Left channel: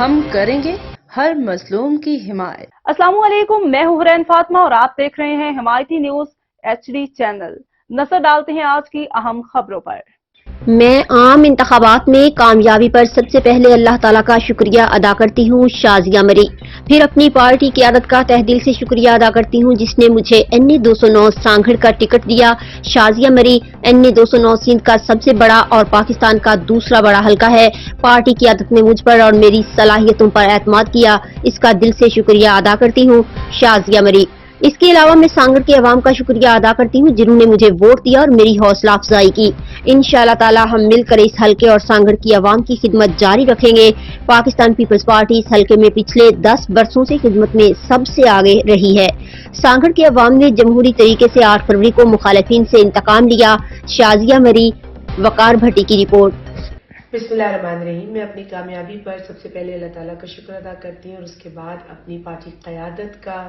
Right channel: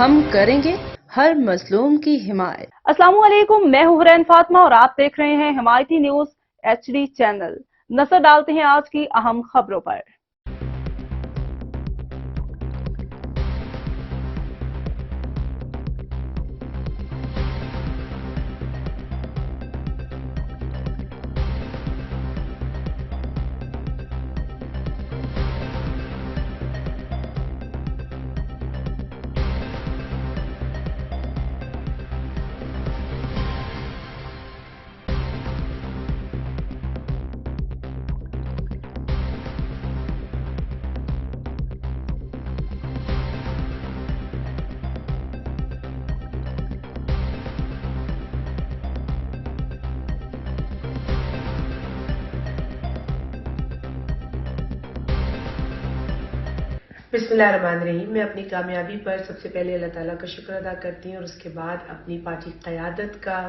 ہم کریں گے ہر مظلوم کی حمایت۔ السلام علیکم، میں ہوں حرین فاطمہ اور آپ دیکھ رہے ہیں حمایتی نیوز HD چینل۔ نظر ڈالتے ہیں آج کی اہم خبروں پر۔ میں عام انتخابات میں کامیابی پر سب سے پہلے اللہ تعالیٰ کا شکریہ ادا کرتی ہوں، شازیہ مری۔ پھر اپنی پارٹی قیادت کا تہ دل سے شکریہ ادا کرتی ہوں جس نے مجھے NA 209 سانگھڑ کا ٹکٹ دیا۔ شازیہ مری NA 209 سندھ کا سب سے بڑا اور پاکستان کا دوسرا بڑا حلقہ ہے۔ پارٹی قیادت نے مجھ پر اور میری صلاحیتوں پر اعتماد کیا، اس کا دل سے شکریہ ادا کرتی ہوں، شازیہ مری۔ اس کے علاوہ میں سانگھڑ کے عوام کا شکریہ ادا کرتی ہوں جنہوں نے مجھے ووٹ دیا اور میری حوصلہ افزائی کی۔ انشاءاللہ تعالی ہم مل کر اس حلقے اور سانگھڑ کی عوام کی خدمت جاری رکھیں گے۔ پاکستان پیپلز پارٹی اس حلقے میں پچھلے 10 برسوں سے خدمت میں سب سے آگے رہی ہے۔ سانگھڑ کے عوام نے جمہوری طریقے سے 8 فروری کو مخالفین سے انتقام لیا۔ شازیہ مری، وقار بھٹی کی رپورٹ۔ بسم اللہ الرحمن الرحیم۔ میں اپنی کامیابی پر سب سے پہلے اللہ تعالیٰ کا شکر ادا کرتی ہوں اور اس کے بعد اپنی پارٹی قیادت کا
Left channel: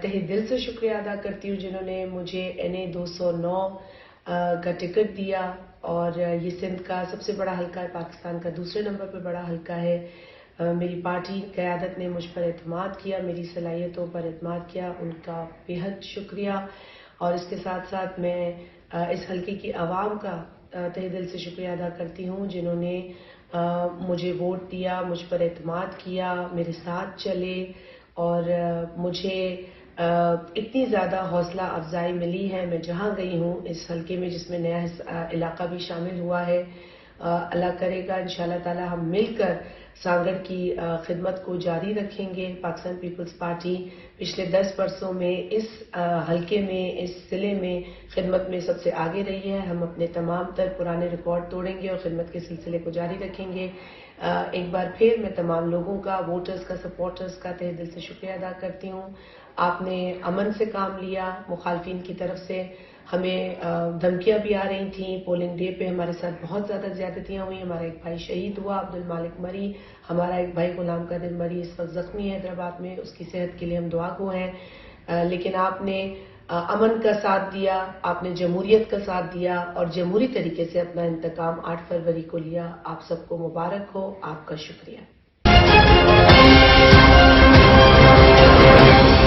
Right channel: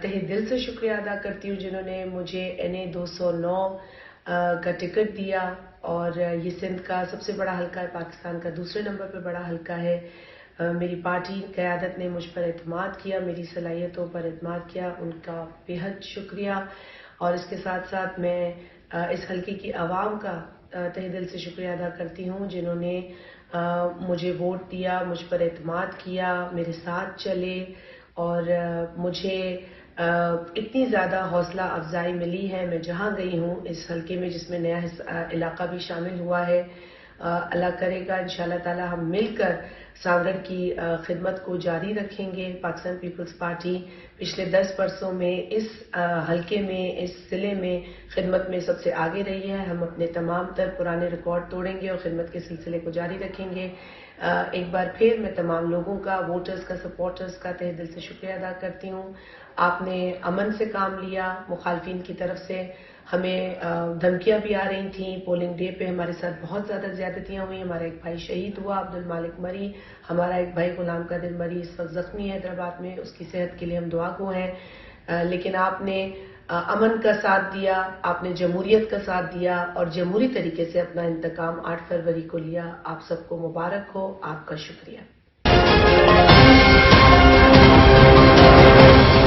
تہ دل سے شکریہ ادا کرتی ہوں جنہوں نے مجھے NA 209 کا ٹکٹ دیا اور یہ سندھ کا سب سے بڑا حلقہ ہے، پاکستان کا دوسرے نمبر پر بڑا حلقہ ہے۔ میری پارٹی قیادت نے مجھ پر اعتماد کیا، میری صلاحیتوں پر اعتماد کیا، ان کا بے حد شکریہ۔ اور اس کے ساتھ ساتھ میں اس حلقے کی عوام کا تہ دل سے شکریہ ادا کرتی ہوں جنہوں نے مجھے ووٹ دیا، مجھ پر اعتماد کیا، میرے ساتھ چلے اور مجھے اتنی زیادہ حوصلہ افزائی ملی ہے۔ میں جہاں گئی ہوں اس حلقے میں جس میں نیا علاقہ بھی شامل ہوا ہے، اللہ کرے گا انشاءاللہ تعالی ہم مل کر سانگھڑ کی خدمت کو جاری رکھیں گے۔ پاکستان پیپلز پارٹی پچھلے 10 برسوں میں اس حلقے میں، اس ضلع میں خدمت میں سب سے آگے رہی ہے۔ ہم اپنے تمام تر پرانے ریکارڈ توڑیں گے اور خدمت کے سلسلے کو جاری رکھیں گے۔ ایک بار پھر میں تمام لوگوں کا، ووٹرز کا، سپورٹرز کا تہ دل سے شکریہ ادا کرتی ہوں۔ آپ نے امن سے کام لیا، مخالفین کی طرف سے ہمیں دھمکیاں بھی آ رہی تھیں۔ پولنگ ڈے پہ ہمارے ساتھ بہت زیادہ زیادتیاں ہوئی، ہمارا ایک بھائی شہید ہوا عبدالمالک مری، ہمارا ایک بھائی غلام قادر مری اس وقت زخمی ہے حیدرآباد میں، اس کی صحت کے لیے ہم دعا گو ہیں۔ لیکن آپ نے امن کا ساتھ دیا، آپ نے جمہوریت کا ساتھ دیا اور جمہوری طریقے سے اپنا انتقام 8 فروری کو لیا۔ آپ سب کو مبارک ہو، آپ کا شکریہ۔